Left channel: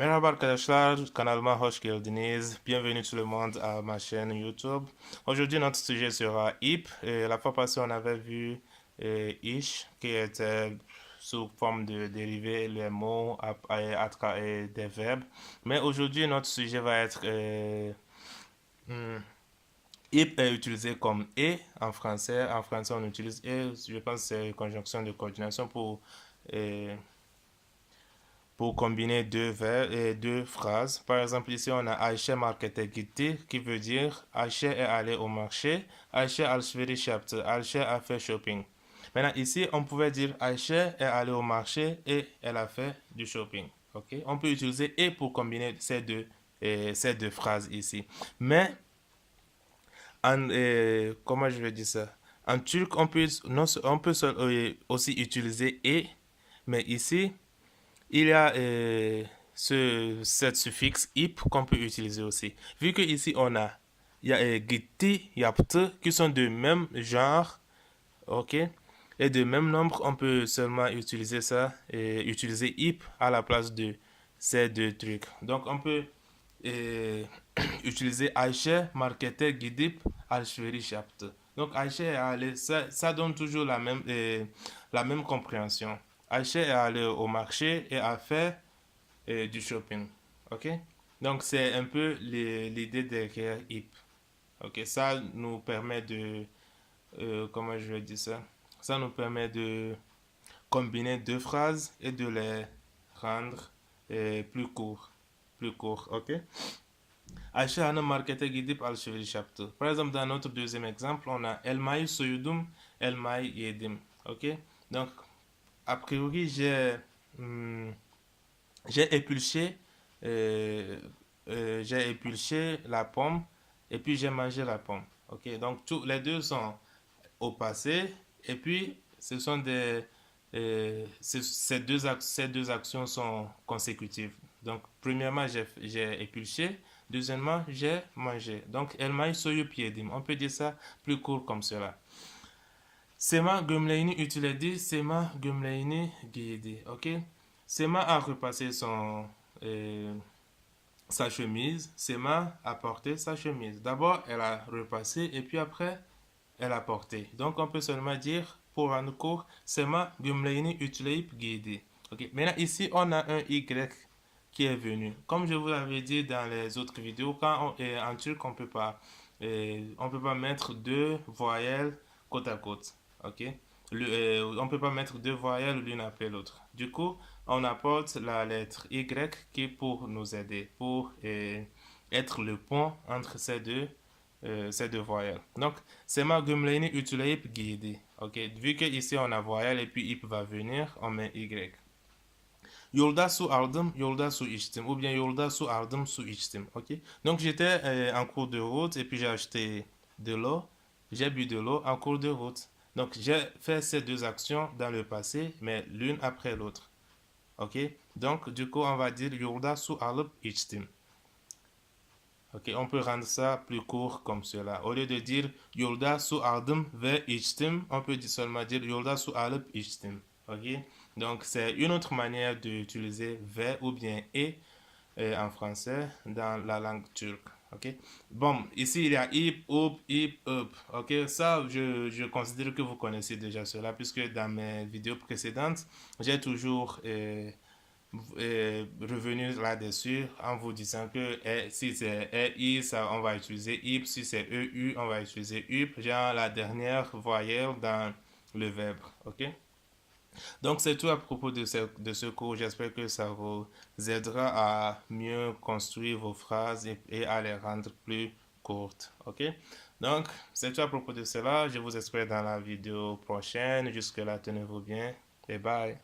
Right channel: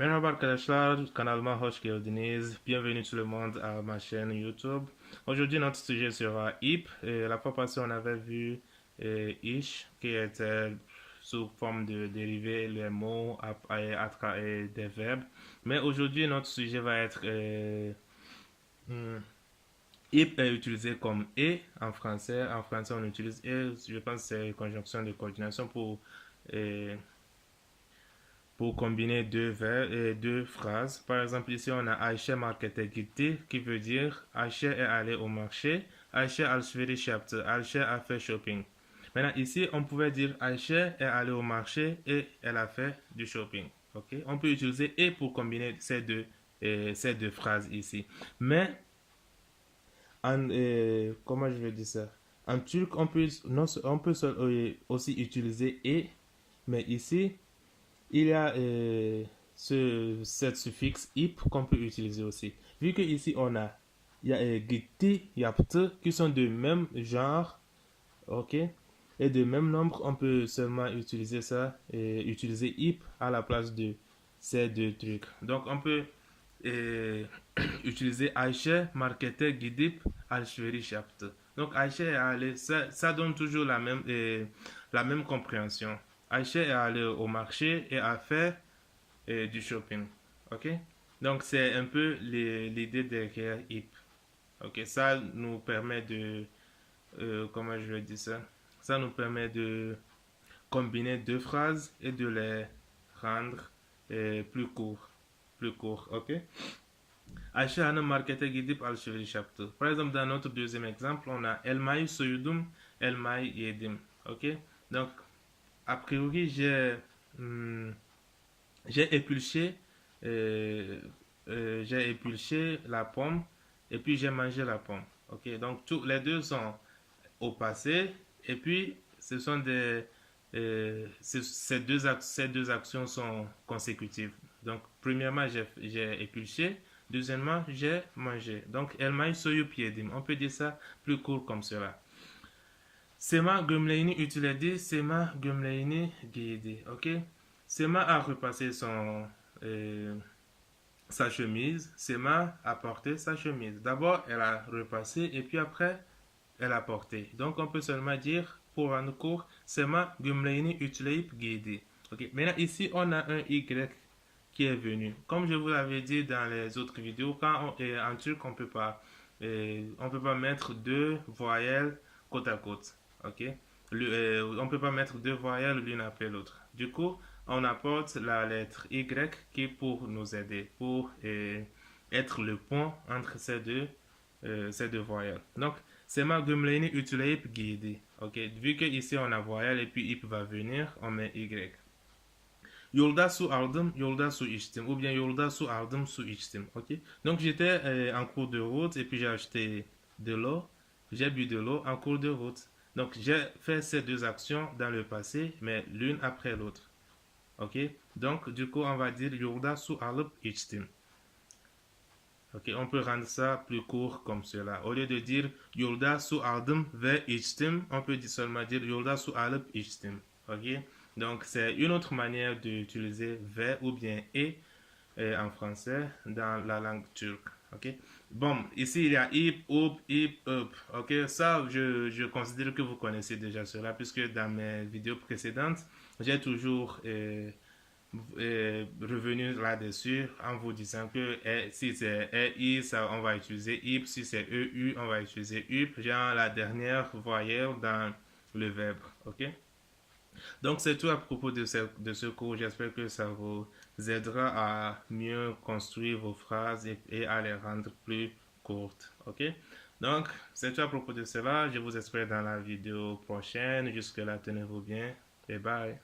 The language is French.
Merhaba arkadaşlar, kanalıma hoş geldiniz. Bienvenue tout le monde à ma chaîne YouTube. Aujourd'hui, notre sujet sera IP. La fois passée, on avait vu ish, qui était sous forme de dériver les mots à travers des verbes. Mais aujourd'hui, notre sujet va être hmm, IP est utilisé comme et en français. En français, on utilise et. Je pense que c'est une conjonction de coordination euh, pour combiner deux vers et deux phrases. Par exemple, ici, on a Ayşe markete gitti qui veut dire Ayşe est allé au marché. Ayşe alışveriş yaptı. Ayşe a fait shopping. Maintenant, ici, on pouvait dire Ayşe est allé au marché et elle a fait du shopping. Ok? On peut utiliser et pour combiner ces deux phrases ici. Mais, comment je vais dire ça? En turc, on peut, non, on peut aussi utiliser et, mais ici, il y a cette suffixe ip qu'on peut utiliser aussi. Vu que ici on a il y a gitti, yaptı qui sont de même genre, ok, et de même nombre, on peut seulement utiliser ça et utiliser ip à la place de ces deux trucs. Donc on peut euh, utiliser Ayşe markete gidip alışveriş yaptı. Donc Ayşe est allé, ça donne toujours la même compréhension. Ayşe est allé au marché et a fait du shopping. Ok? Donc c'est un peu l'idée derrière IP. Ok? Ça nous permet de, comment je vais dire ça? Ça nous permet de combiner deux phrases et de les rendre plus courts. Plus courts. Ok? Ayşe Hanım markete gidip alışveriş yaptı. Par exemple, dans notre deuxième exemple, on a elmayı soyudum, elmayı yedim. Ok? Donc, a priori, j'ai euh, j'ai épluché la pomme et puis j'ai mangé la pomme. Ok, donc tous les deux sont au passé et puis ce sont ces deux actions sont consécutives. Donc premièrement j'ai épluché, deuxièmement j'ai mangé. Donc elle m'a soyup yedim. On peut dire ça plus court comme cela. Sema gömleğini ütüledi, Sema gömleğini giydi. Ok? Sema a repassé sa chemise. Sema a porté sa chemise. D'abord, elle a repassé et puis après, elle a porté. Donc, on peut seulement dire, pour rendre court, Sema gömleğini ütüleyip giydi. Ok? Maintenant, ici, on a un Y qui est venu. Comme je vous l'avais dit dans les autres vidéos, en turc, on peut pas mettre deux voyelles côte à côte. Ok? On peut pas mettre deux voyelles l'une après l'autre. Du coup, on apporte la lettre Y qui est pour nous aider, pour être le pont entre ces deux voyelles. Donc, Sema gömleğini ütüleyip giydi. Ok? Vu que ici on a voyelle et puis ip va venir, on met Y. Yolda su aldım, yolda su içtim. Ou bien yolda su aldım, su içtim. Ok? Donc j'étais en cours de route et puis j'ai acheté de l'eau. J'ai bu de l'eau en cours de route. Donc j'ai fait ces deux actions dans le passé, mais l'une après l'autre. Ok? Donc du coup on va dire yolda su alıp içtim. Ok, on peut rendre ça plus court comme cela. Au lieu de dire yolda su aldım ve içtim, on peut seulement dire yolda su alıp içtim. Ok? Donc c'est une autre manière d'utiliser ve ou bien en français dans la langue turque. Ok? Bon, ici il y a ip, up. Ok? Ça, je considère que vous connaissez déjà cela puisque dans mes vidéos précédentes, j'ai toujours revenu là-dessus en vous disant que si c'est EI, ça, on va utiliser IP. Si c'est EU, on va utiliser UP. Genre la dernière voyelle dans le verbe. Ok? Donc c'est tout à propos de ce cours. J'espère que ça vous aidera à mieux construire vos phrases et à les rendre plus courtes. Ok? Donc c'est tout à propos de cela. Je vous espère dans la vidéo prochaine. Jusque-là, tenez-vous bien et bye.